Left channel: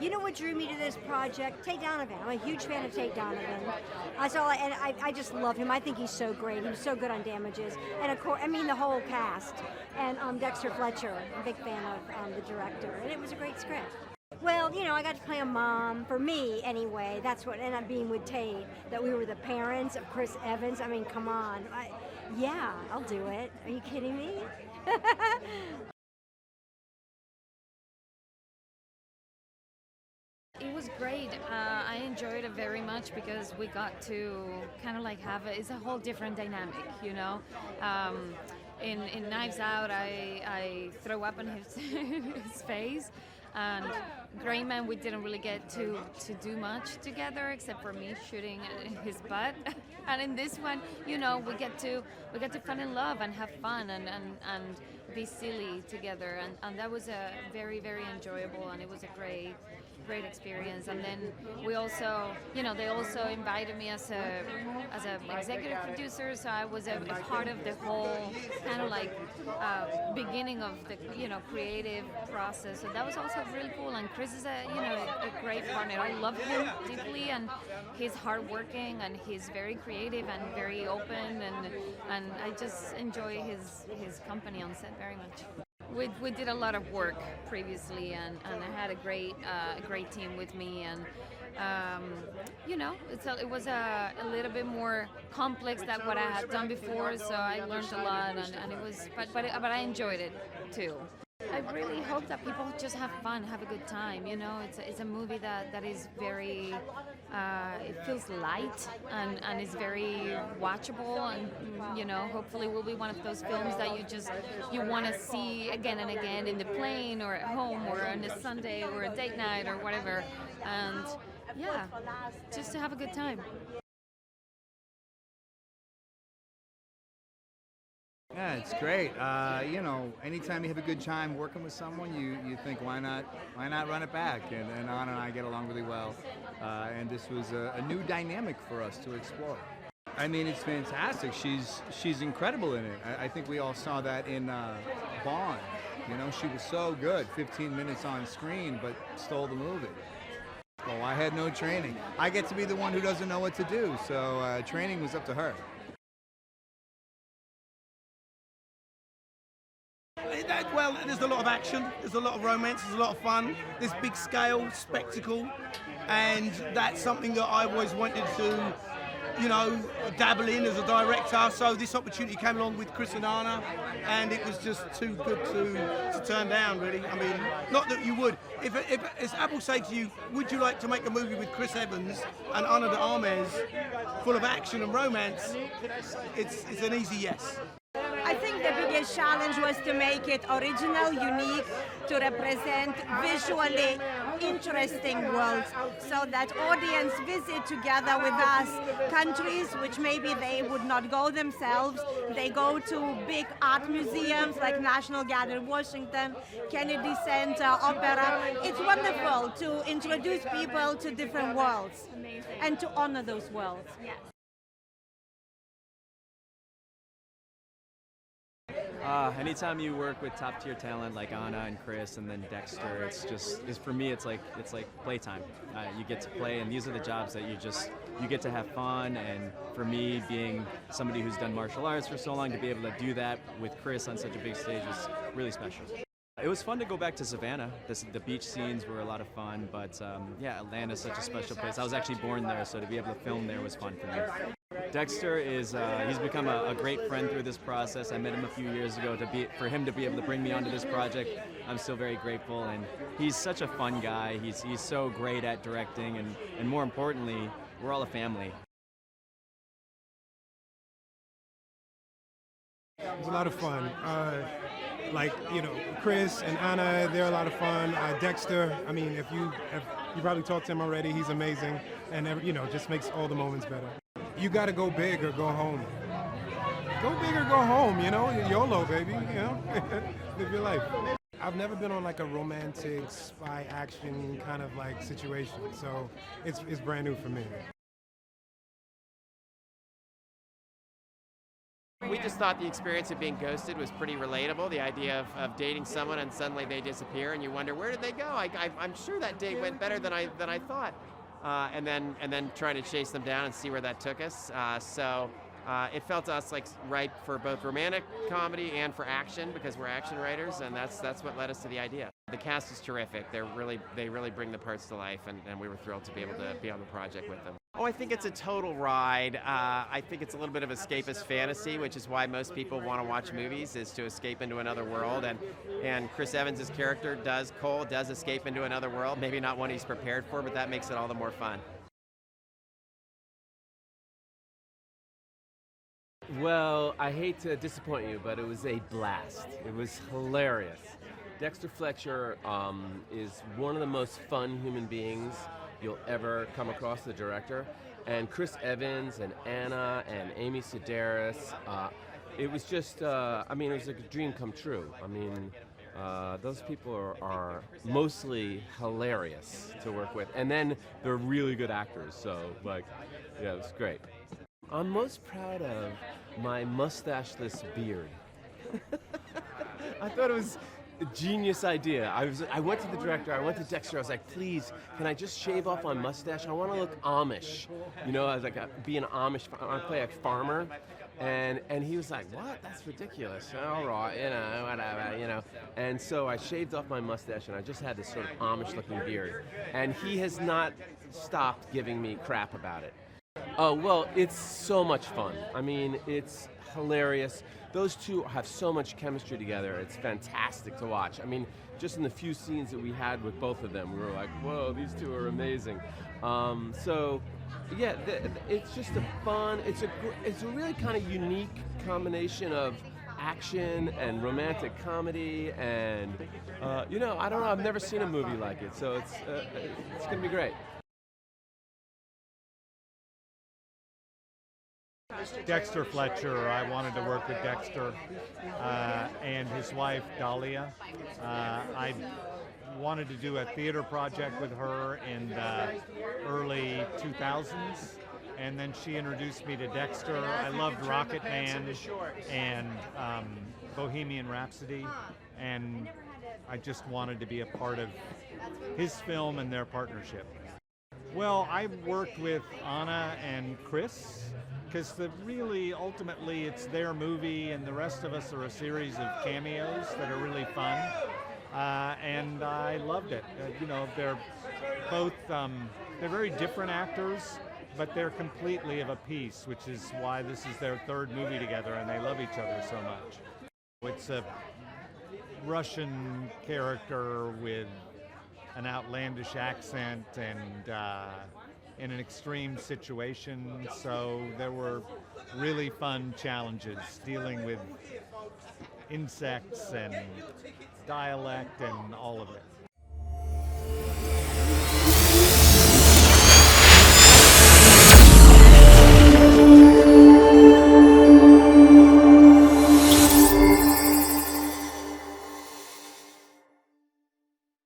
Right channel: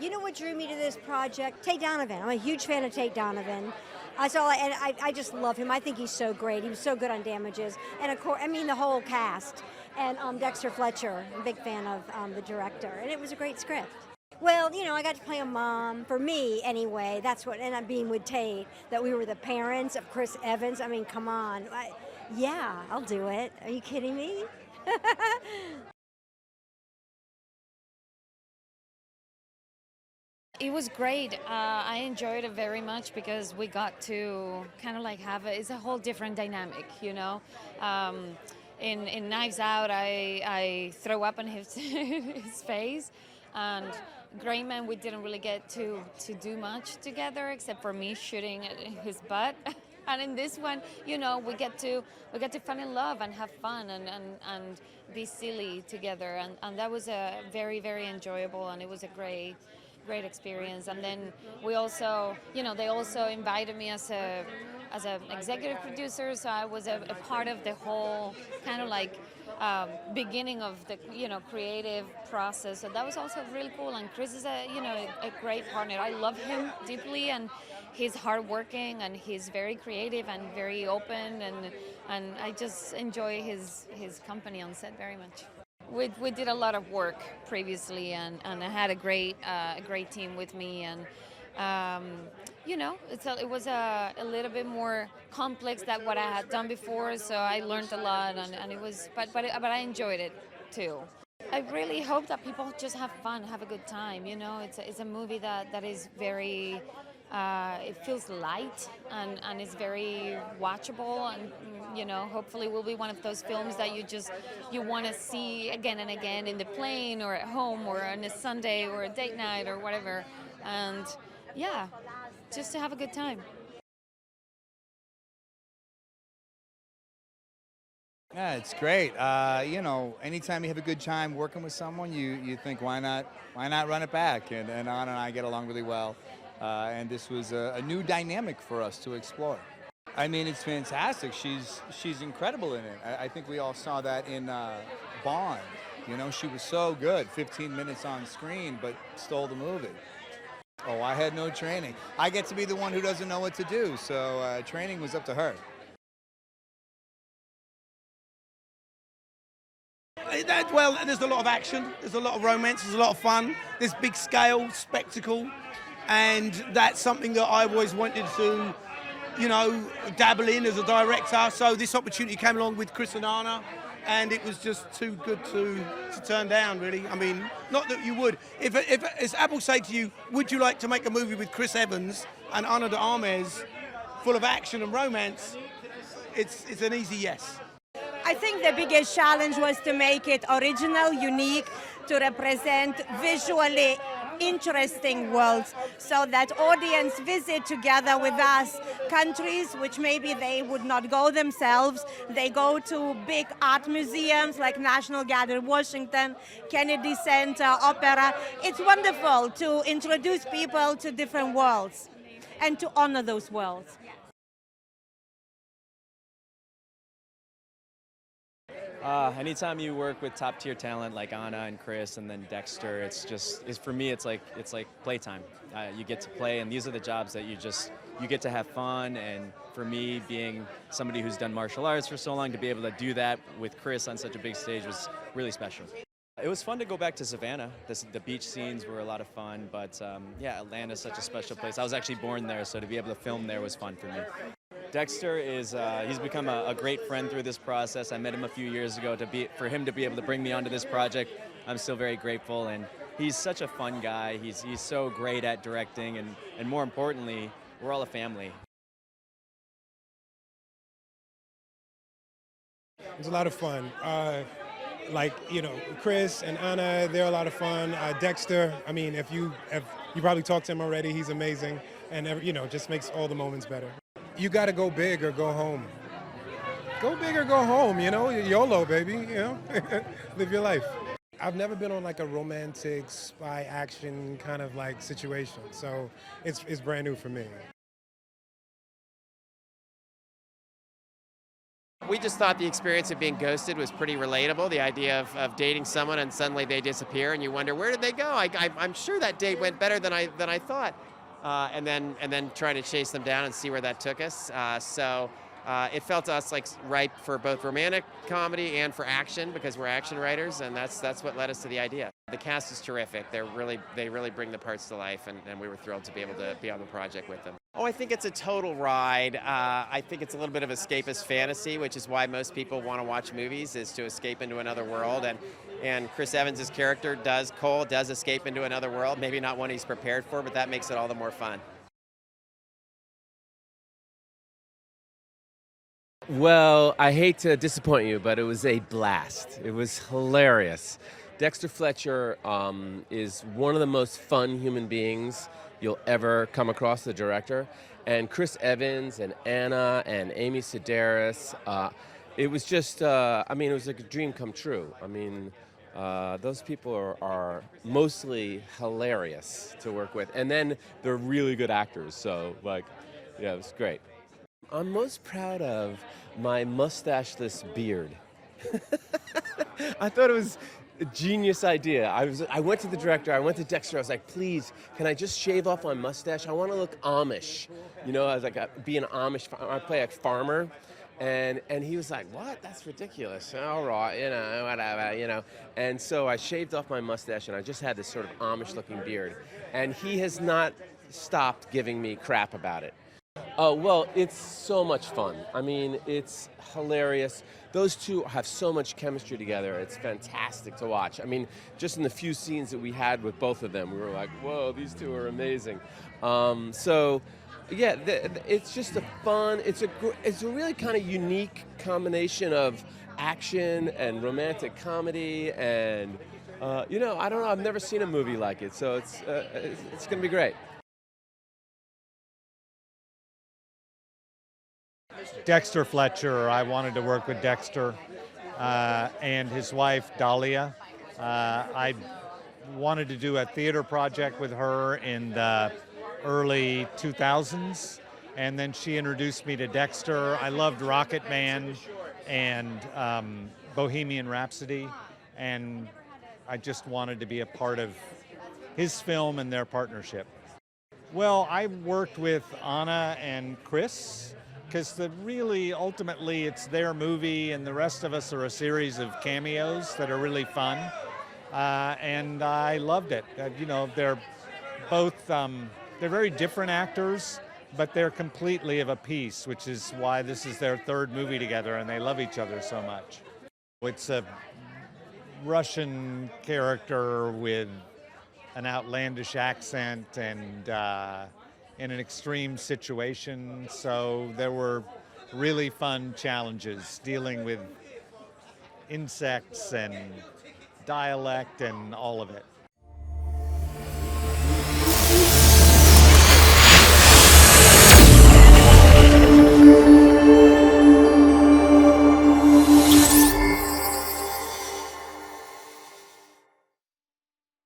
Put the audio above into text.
You know what drew me to this project? Tate Donovan. I'm a huge fan of Tate Donovan. I just love him. I think he's so great. He was so good on Damages, and of course, I mean the whole cast. And Dexter Fletcher, I'm a big fan of the director, and it was a great script. Well, you know, I got to play a mom. For me, anyway, that's what ended up being with Tate. That we were the parents of Chris Evans. I mean, come on. Yeah, I'll do it. Are you kidding me? It was great. I enjoyed it very much because we got to kind of like it's a whole different dynamic, you know. In Knives Out, I throw up in his his face, and Gray Man, we didn't really get to do much together except for me shooting his butt. And in this one, you know, we get to fall in love and have fun and be silly together, and that was a very, very enjoyable, and it was a great experience. And then we also, you know, they also invited me as a executive producer, so I was a part of the whole kind of like beginning of the, you know, creative process. So that was also really cool. And Chris is a great partner. I love him deeply, and he's hardworking, and he's very creative and very open, and I just enjoy his company on set very much. We did a lot of work previously, and I had a great team with me, and you know, it was a little bit more complex than what I had done before, so I learned a lot, and it was, but I enjoyed it too. I really hope that people just have fun, have a good time. You know, it's a movie that is very. It feels light and it's very watchable, and you know, hopefully will be one of those films that you want to see again and again in the plane or at home or on a Sunday or a date night or whatever, and yeah, just to have a good time. Yeah, it's great. You know, anytime you have a good time working with someone, you think, why not run it back? And Anna and I get along really well, and this was a new dynamic for us to explore. I mean, it's fantastic. She's incredible in it. I think we all saw that in Bond. You know, she was so good. 15 minutes on screen, but stole the movie. Oh, I had no training. I get to be the one who doesn't know what to do, so training was up to her. Well, there's a lot of action, there's a lot of romance, there's a lot of fun, there's big scale, spectacle, and that's something that I always wanted to, you know, dabble in as a director. So this opportunity came along with Chris and Anna, and it was just too good to turn down, really. I mean, not that you would. If as Apple say to you, would you like to make a movie with Chris Evans and Ana de Armas, full of action and romance, it's an easy yes. I think the biggest challenge was to make it original, unique, to represent visually interesting worlds, so that audience visit together with us countries which maybe they would not go themselves. They go to big art museums like National Gallery in Washington, Kennedy Center, Opera. It's wonderful to introduce people to different worlds and to honor those worlds. Anytime you work with top tier talent like Anna and Chris and then Dexter, for me it's like playtime. You get to play, and these are the jobs that you get to have fun. And for me, being somebody who's done martial arts for so long, to be able to do that with Chris on such a big stage was really special. It was fun to go back to Savannah. The beach scenes were a lot of fun, but yeah, Atlanta's such a special place. I was actually born there, so to be able to film there was fun for me. Dexter he's become a great friend through this process. I met him a few years ago. For him to be able to bring me onto this project, I'm still very grateful. And he's such a fun guy. He's so great at directing, and more importantly, we're all a family. It's a lot of fun. Like, you know, Chris and Anna, they're a lot of fun. Dexter, I mean, if you probably talked to him already, he's amazing, and you know, just makes all the moments better. You got to go big or go home. Go big or go home, you know, YOLO, baby, you know, live your life. I've never been on like a romantic spy action kind of like situation, so it's brand new for me. We just thought the experience of being ghosted was pretty relatable. The idea of dating someone and suddenly they disappear and you wonder, where did they go? I'm sure that date went better than I thought. And then trying to chase them down and see where that took us. So it felt to us like right for both romantic comedy and for action, because we're action writers, and that's what led us to the idea. The cast is terrific. They really bring the parts to life, and we were thrilled to be able to be on the project with them. Oh, I think it's a total ride. I think it's a little bit of escapist fantasy, which is why most people want to watch movies, is to escape into another world. And Chris Evans' character Cole does escape into another world. Maybe not one he's prepared for, but that makes it all the more fun. Well, I hate to disappoint you, but it was a blast. It was hilarious. Dexter Fletcher is one of the most fun human beings you'll ever come across, the director. And Chris Evans and Anna and Amy Sedaris, it was just, it was like a dream come true. Those people are mostly hilarious to work with. And then they're really good actors, so it was great. I'm most proud of my mustacheless beard. I thought it was a genius idea. I went to the director, I went to Dexter, I was like, please, can I just shave off my mustache? I want to look Amish. I was like, be an Amish, I play a farmer. And he was like, what? That's ridiculous. All right, whatever. And so I shaved off my mustache and I just had this sort of Amish-looking beard. And he has not stopped giving me crap about it. Oh, well, it's so much fun. It's hilarious. Those two have so much chemistry together. It's fantastic to watch. Just in the few scenes that we had with both of them, we were like, whoa, these two are amazing. It's just a fun, it's a really kind of unique combination of action and romantic comedy, and I don't know, I've never seen a movie like it, so it's gonna be great. Dexter Fletcher, I wanted to work with Dexter and his wife, Dalia. I wanted to do a theater project with her in the early 2000s, and then she introduced me to Dexter. I loved Rocket Man and Bohemian Rhapsody, and I just wanted to be a part of his film and their partnership. Well, I worked with Anna and Chris, because ultimately it's their movie and the rest of us are a series of cameos that are really fun, and I loved it. They're both, they're very different actors, but they're completely of a piece, which is why this is their third movie together and they love each other so much. It's a Russian character with an outlandish accent and in an extreme situation, so there were really fun challenges dealing with insects and dialect and all of it.